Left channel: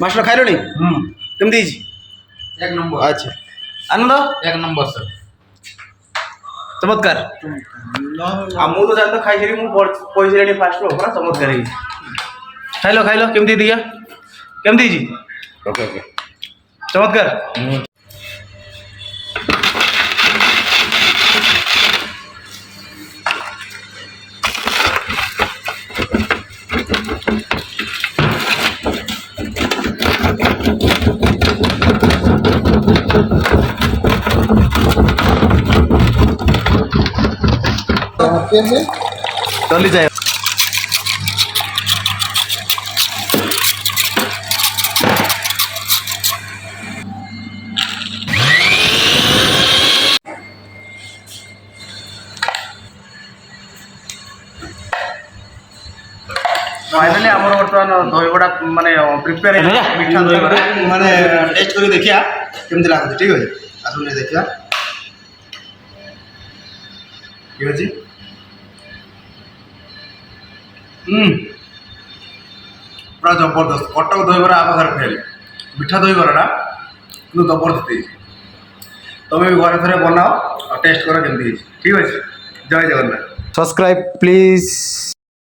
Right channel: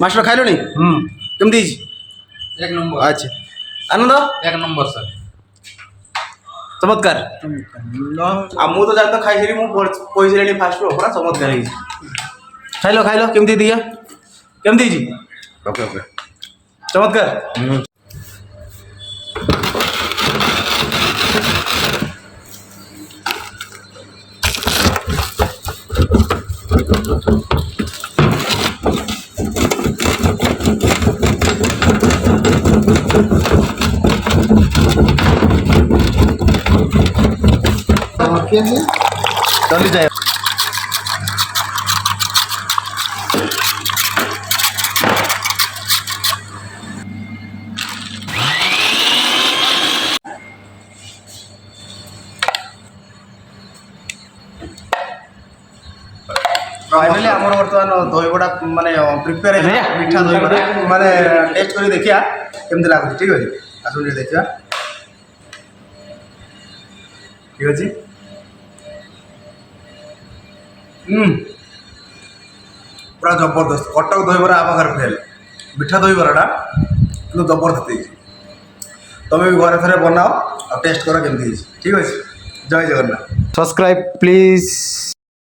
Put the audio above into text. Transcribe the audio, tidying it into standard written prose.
Master ଖାଇଲଣି? କେମିତି ହେଇଛି? एक नंबर। ଆଚ୍ଛା ଆନନ୍ଦ एक नंबर सर। ଚମତ୍କାର। ଆଉ ମୁଁ ତ ଜାଣି ତ ଖାଇଥିଲି, ମୁଁ କହିସାରିଲିଣି ଫାଷ୍ଟରୁ ପୁରା ଚମତ୍କାର ହେଇଛି। ଖାଇଲ ଖାଇଲ କେମିତି ଦିଆ କେମିତି ହେଇଛି? Okay okay. ଚମତ୍କାର। चली जाए फाइनाली आमर बर्तमान दहीबड़ा माने प्रिपेयर मीठा दहीबड़ा माने टेस्ट करके देखिया केमती लागुଛି। ठीक अछि आसु ने देखिया ठीक अछि। पूरा जबरदस्त कटक दहीबरा आबार फेल मीठा दहीबराटा किंतु जबरदस्त है। तुम भी घरे थे बनाओ और टेस्ट कर केमती। ठीक अच्छे। जय जगन्नाथ। Subscribe please.